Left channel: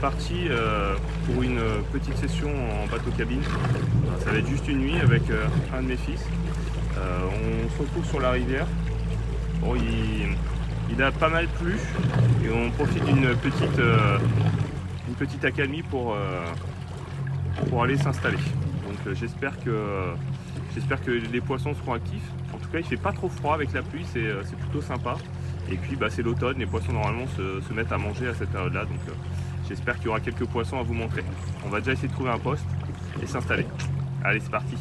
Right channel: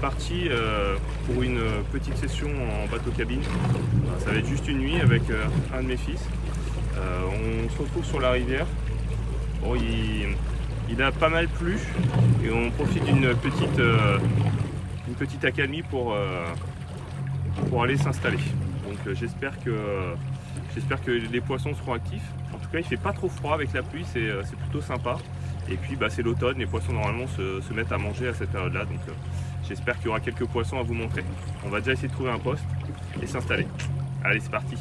parti pour une petite session en bateau cabine. Ça va être juste une nuit avec un de mes fils. On se retrouve sur la rivière. Bon, il a pas mal plu et on profite d'une petite accalmie pour aller s'installer. Donc j'espère que les poissons seront actifs. En tout cas, il fait pas trop froid avec la pluie, c'est plutôt sympa. Et puis c'est l'automne, les poissons normalement se mettent à manger à cette période-là. Donc j'espère qu'il y aura quelques poissons à vous montrer. On va déjà essayer de trouver un poste et s'installer. Allez, c'est parti.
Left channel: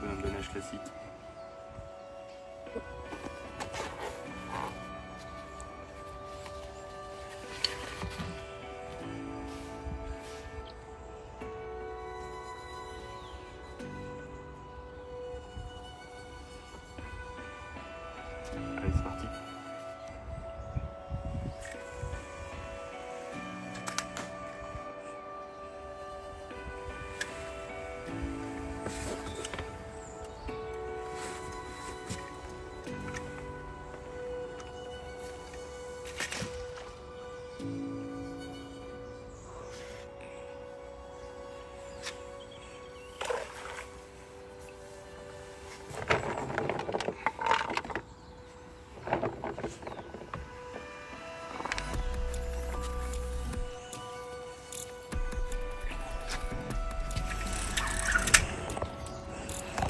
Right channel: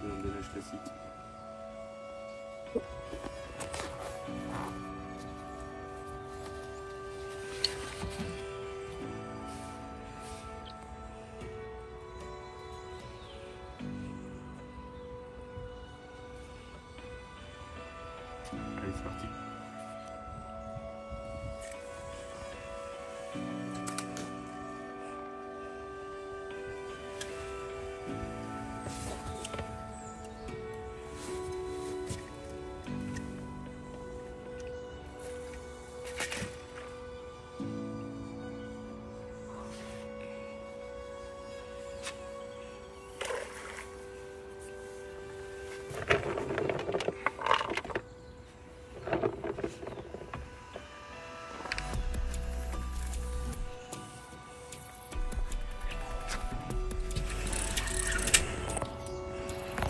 Un donnage classique. Allez, c'est parti.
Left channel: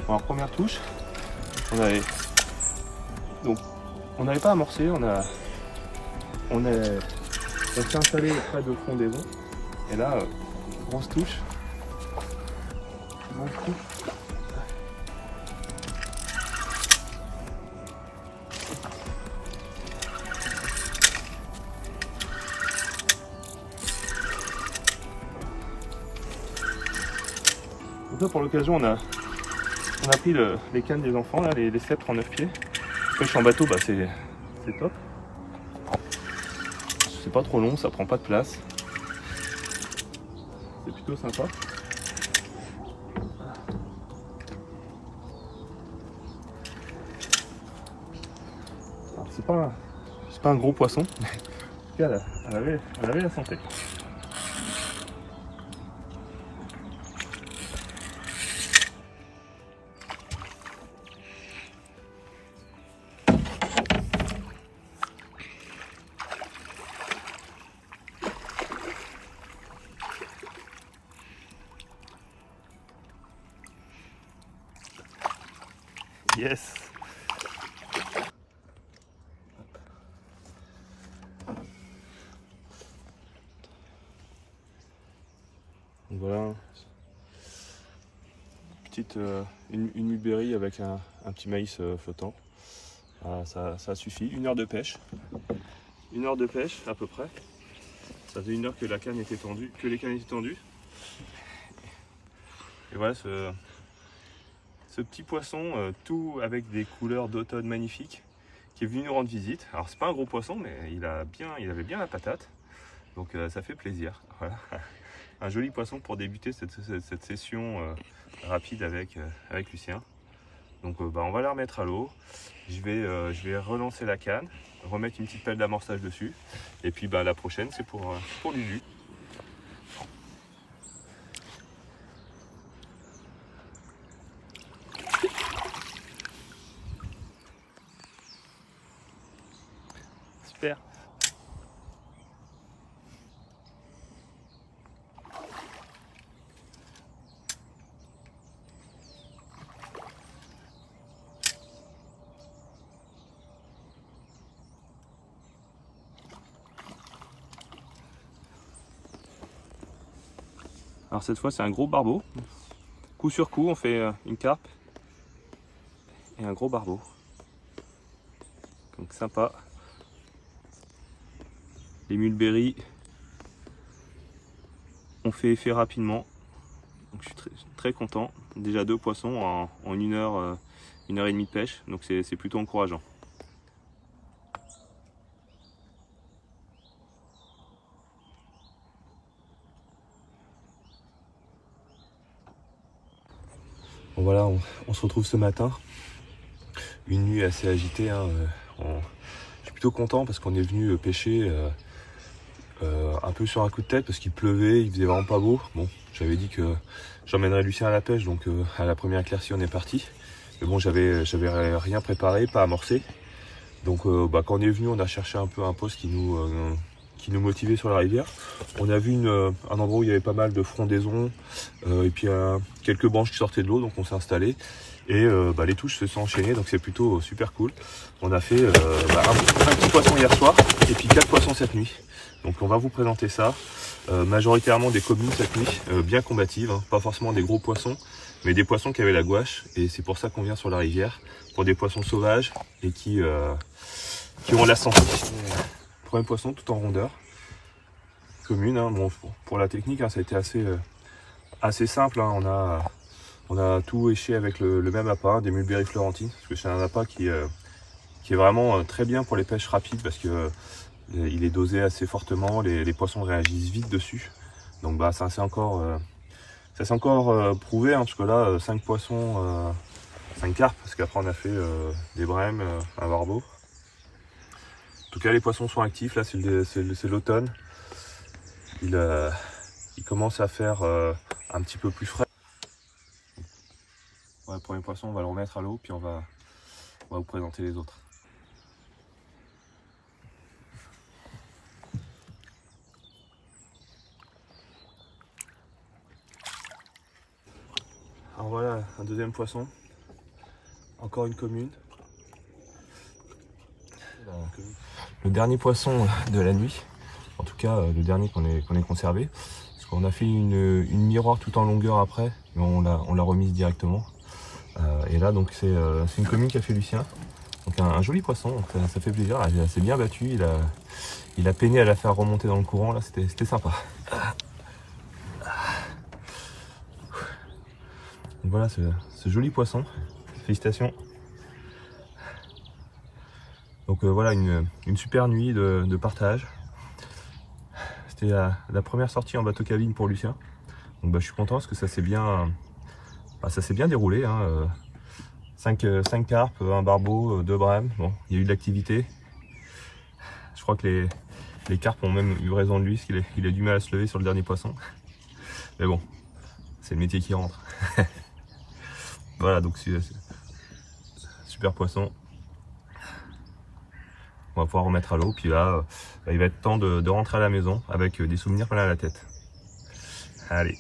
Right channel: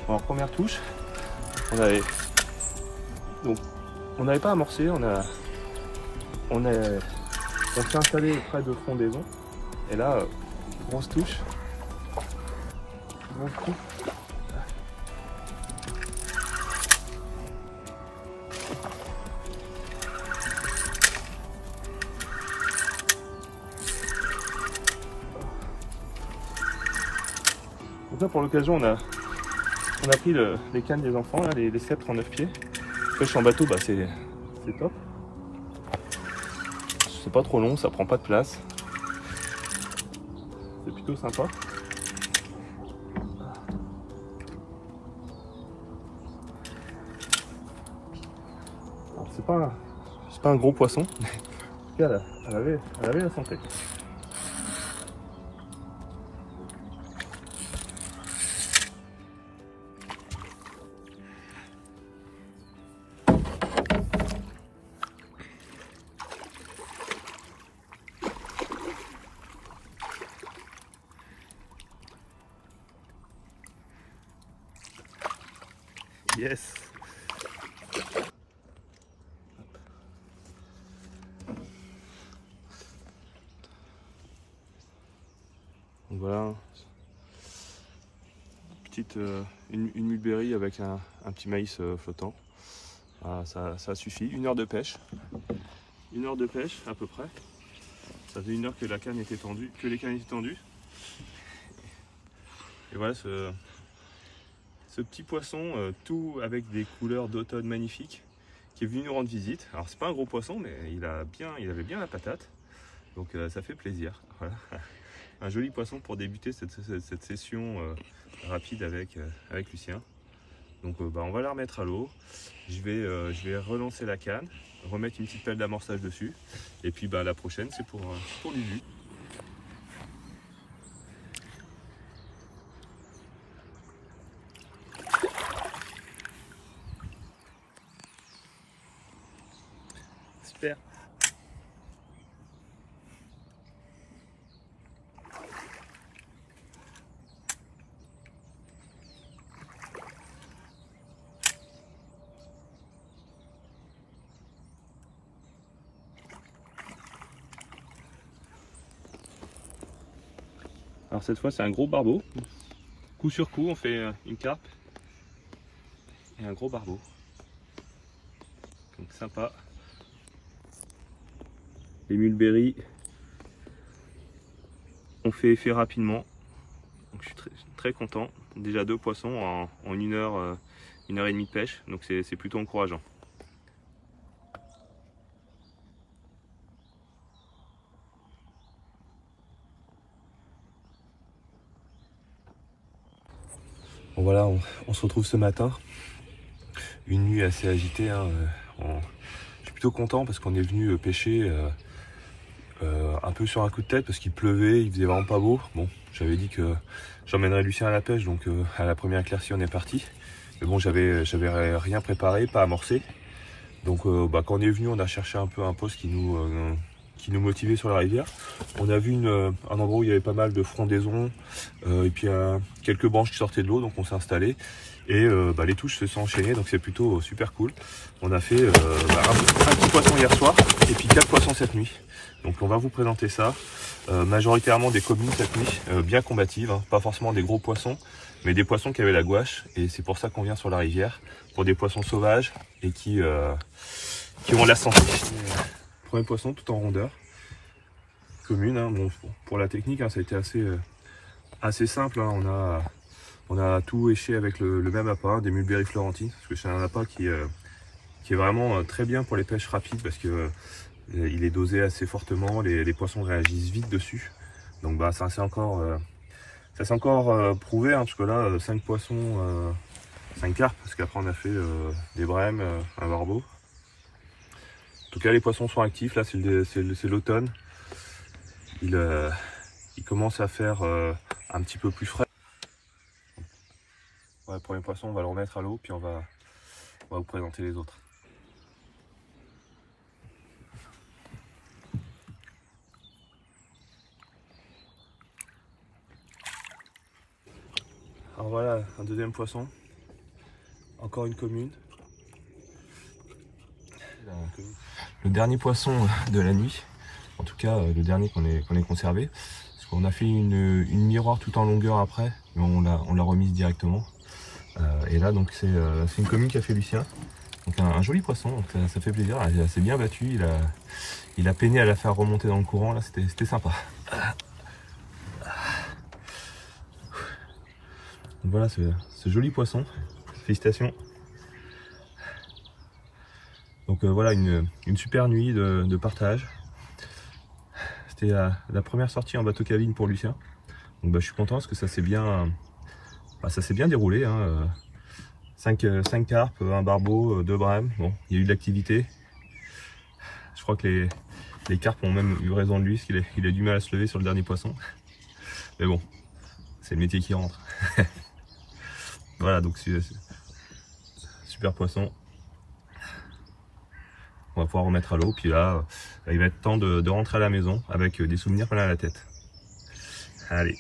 Bon, en première touche, on n'avait pas amorcé, on s'est installé près de frondaison et là grosse touche. Donc là, pour l'occasion, on a pris les cannes des enfants, là, les sceptres en 9 pieds. Pêche en bateau, c'est top. C'est pas trop long, ça prend pas de place. C'est plutôt sympa. C'est pas un gros poisson. En tout cas, elle avait la santé. Yes. Donc voilà, une mulberry avec un petit maïs flottant. Ah, ça suffit. 1 heure de pêche. 1 heure de pêche à peu près. Ça faisait 1 heure que les cannes étaient tendues. Et voilà ce petit poisson, tout avec des couleurs d'automne magnifiques, qui est venu nous rendre visite. Alors c'est pas un gros poisson, mais il avait bien la patate. Donc ça fait plaisir. Voilà. Un joli poisson pour débuter cette session rapide avec Lucien. Donc on va la remettre à l'eau. Je vais relancer la canne, remettre une petite pelle d'amorçage dessus. Et puis la prochaine, c'est pour Lulu. Super. Alors cette fois c'est un gros barbeau. Coup sur coup on fait une carpe et un gros barbeau. Donc sympa. Les mulberries ont fait effet rapidement. Donc je suis très content. Déjà 2 poissons en 1 heure 1h30 de pêche, donc c'est plutôt encourageant. Bon voilà, on se retrouve ce matin. Une nuit assez agitée, hein. Je suis plutôt content parce qu'on est venu pêcher un peu sur un coup de tête parce qu'il pleuvait, il faisait vraiment pas beau. Bon, j'avais dit que j'emmènerais Lucien à la pêche, donc à la première éclaircie on est parti. Mais bon, j'avais rien préparé, pas amorcé. Donc quand on est venu, on a cherché un peu un poste qui nous motivait sur la rivière. On a vu un endroit où il y avait pas mal de frondaisons et puis quelques branches qui sortaient de l'eau, donc on s'est installé. Et les touches se sont enchaînées, donc c'est plutôt super cool. On a fait un petit poisson hier soir et puis 4 poissons cette nuit. Donc on va vous présenter ça. Majoritairement des communes cette nuit, bien combatives, hein. Pas forcément des gros poissons, mais des poissons qui avaient la gouache. Et c'est pour ça qu'on vient sur la rivière, pour des poissons sauvages et qui ont la santé. Premier poisson tout en rondeur. Commune, hein. Bon, pour la technique, hein, ça a été assez simple, hein. On a tout éché avec le même appât, des mulberry florentines, parce que c'est un appât qui est vraiment très bien pour les pêches rapides, parce que il est dosé assez fortement, les poissons réagissent vite dessus. Donc ça s'est encore prouvé, hein, parce que là 5 poissons, 5 carpes, parce qu'après on a fait des brèmes, un barbeau. En tout cas les poissons sont actifs, là c'est l'automne. Il commence à faire un petit peu plus frais. Ouais, le premier poisson, on va le remettre à l'eau, puis on va vous présenter les autres. Alors voilà, un deuxième poisson. Encore une commune. Le dernier poisson de la nuit, en tout cas le dernier qu'on ait conservé. Parce qu'on a fait une miroir tout en longueur après, mais on l'a remise directement. Et là donc c'est une commune qui a fait Lucien. Donc un joli poisson, donc ça fait plaisir. Il s'est bien battu, il a peiné à la faire remonter dans le courant, là c'était sympa. Donc voilà ce joli poisson, félicitations. Donc voilà une super nuit de partage. C'était la première sortie en bateau cabine pour Lucien. Donc je suis content parce que ça s'est bien déroulé, hein. 5 carpes, un barbeau, 2 brèmes. Bon, il y a eu de l'activité. Je crois que les carpes ont même eu raison de lui, parce qu'il a du mal à se lever sur le dernier poisson. Mais bon, c'est le métier qui rentre. Voilà, donc super poisson. On va pouvoir remettre à l'eau, puis là, il va être temps de rentrer à la maison avec des souvenirs plein la tête. Allez.